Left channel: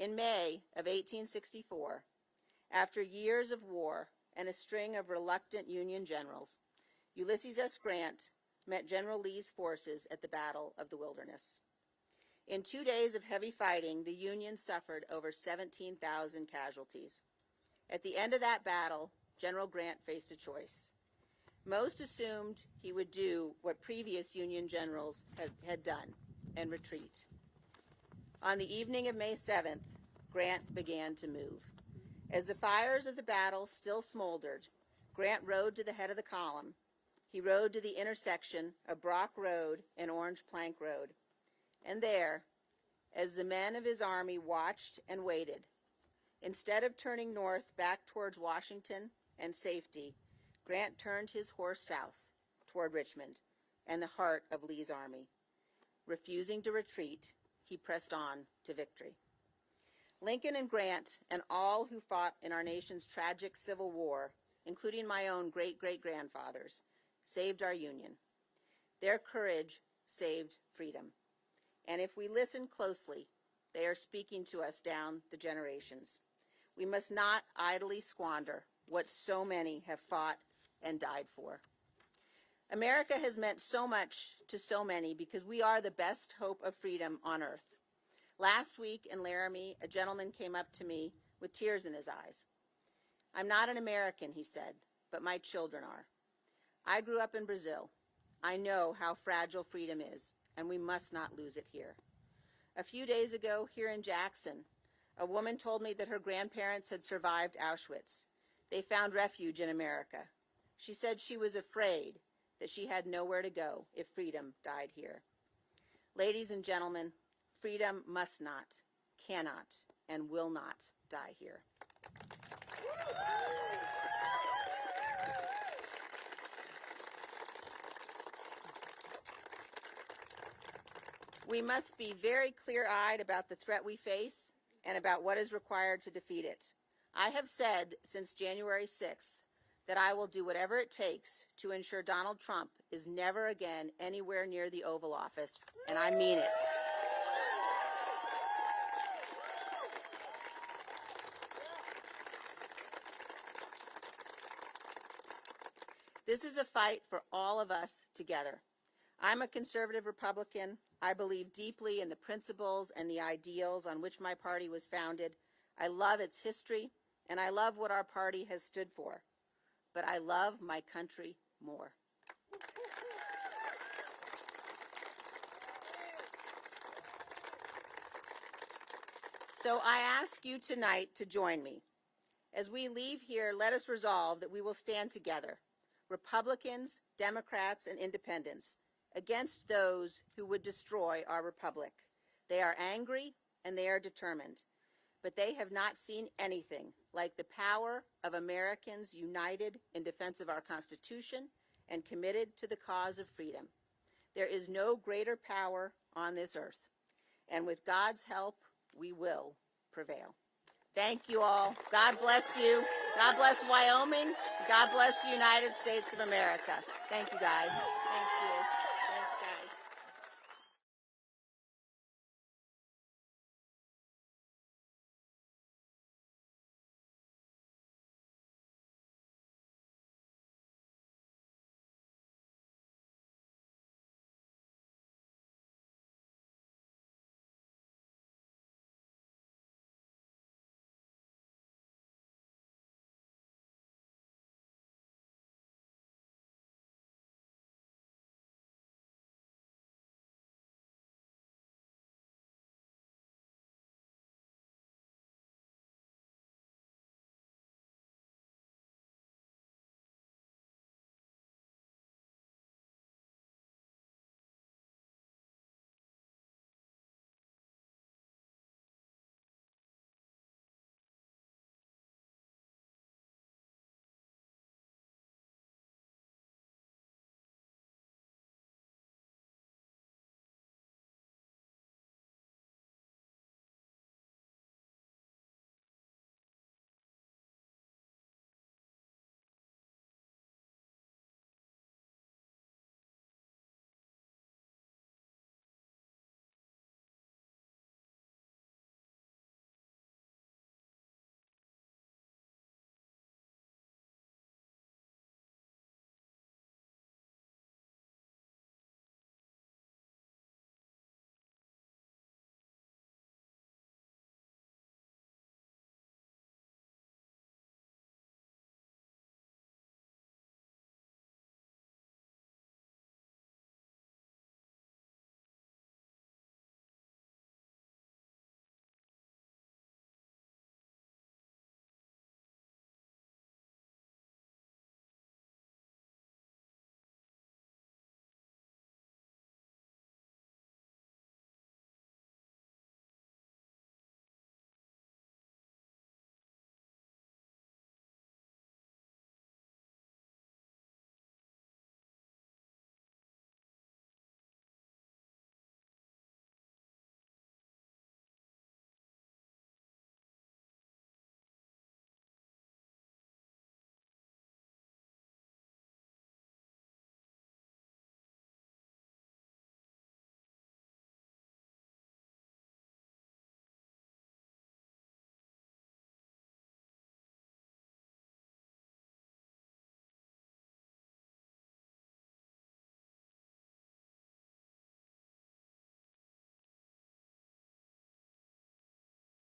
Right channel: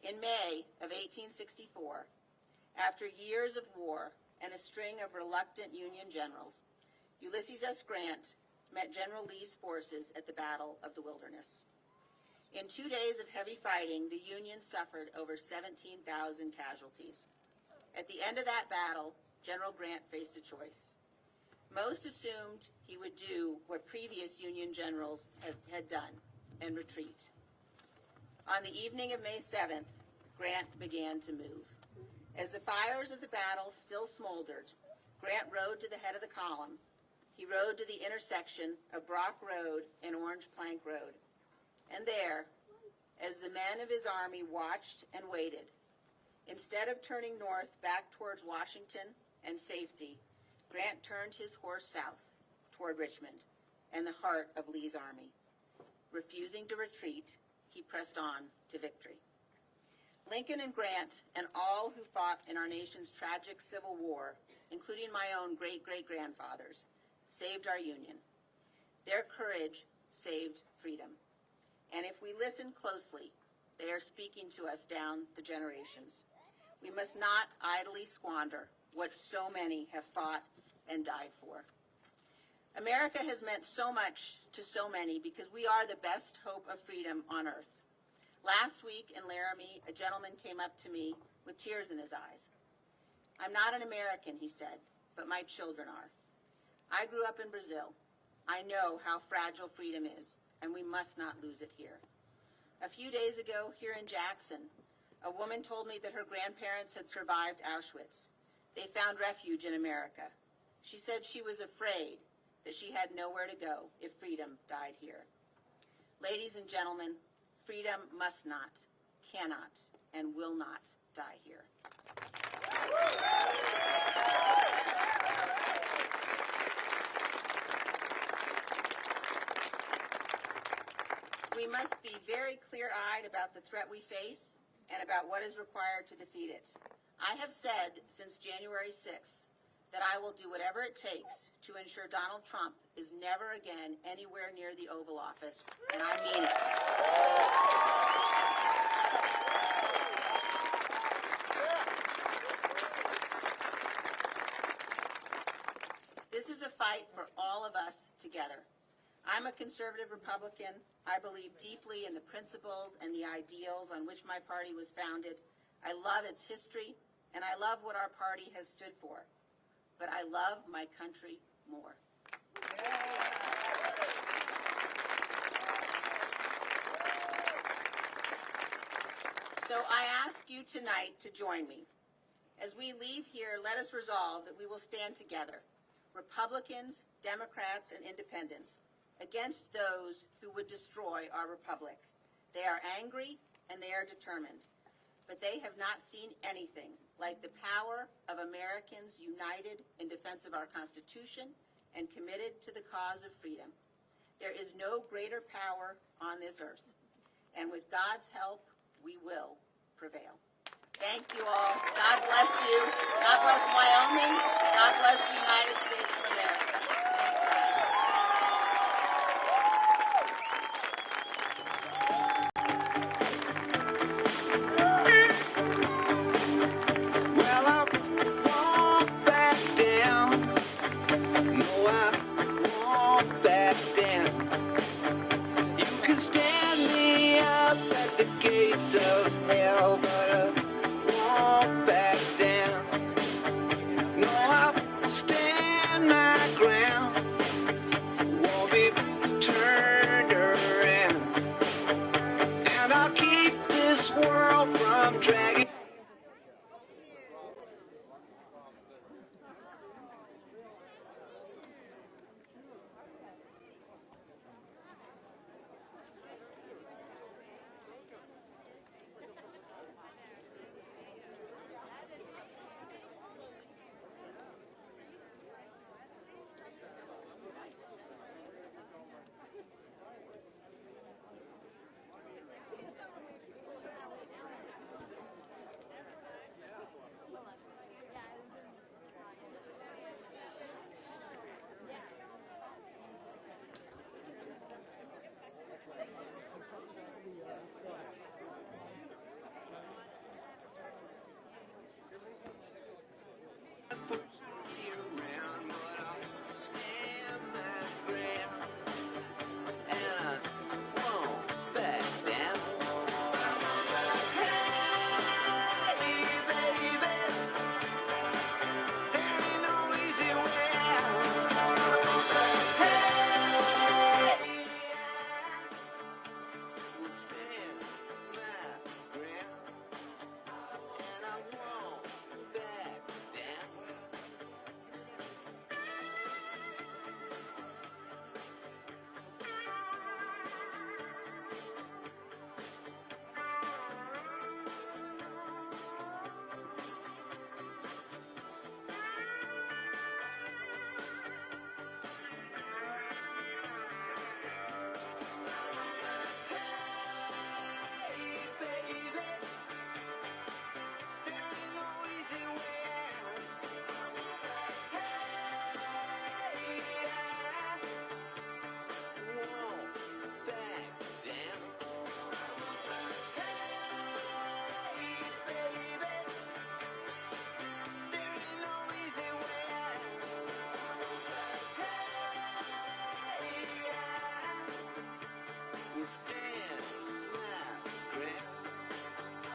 In May of 1864, after years of war and a string of reluctant Union generals, Ulysses S. Grant met General Lee's forces at the Battle of the Wilderness. In 2 days of heavy fighting, the Union suffered over 17,000 casualties. At the end of that battle, General Grant faced a choice. Most assumed he would do what previous Union generals had done and retreat. On the evening of May 7th, Grant began to move. As the fires of the battle still smoldered, Grant rode to the head of the column. He rode to the intersection of Brock Road and Orange Plank Road. And there, as the men of his army watched and waited, instead of turning north back towards Washington and safety, Grant turned his course south toward Richmond and the heart of Lee's army. Refusing to retreat, he pressed on to victory. Lincoln and Grant and all who fought in our nation's tragic Civil War, including my own great-great-grandfathers, saved our Union. Their courage saved freedom. And if we listen closely, they are speaking to us down the generations. We must not idly squander what so many have fought and died for. America has meant so much to so many because we are the best hope of freedom on earth. Last week in Laramie, a gentleman came up to me with tears in his eyes. "I'm not an American," he said, "but my children are. I grew up in Brazil. I know how fragile freedom is, and we must not lose it here." A few days ago, here in Jackson, a woman told me that her grandparents had survived Auschwitz. They found refuge in America. She said she was afraid that she had nowhere to go if freedom died here. Ladies and gentlemen, freedom must not, cannot, and will not die here. We must be very clear-eyed about the threat we face and about what is required to defeat it. I have said since January 6th that I will do whatever it takes to ensure Donald Trump is never again anywhere near the Oval Office, and I mean it. This is a fight for all of us together. I'm a conservative Republican. I believe deeply in the principles and the ideals on which my party was founded. I love its history, and I love what our party has stood for. But I love my country more. So I ask you tonight to join me. As we leave here, let us resolve that we will stand together, Republicans, Democrats, and Independents, against those who would destroy our republic. They are angry and they are determined, but they have not seen anything like the power of Americans united in defense of our Constitution and committed to the cause of freedom. There is no greater power on this earth, and with God's help, we will prevail. Thank you all. God bless you. God bless Wyoming. God bless the United States of America. Thank you, guys. Well, I won't back down. No, I won't back down. You can stand me up at the gates of hell, but I won't back down. No, I'll stand my ground. Won't be turned around. And I'll keep this world from dragging. stay.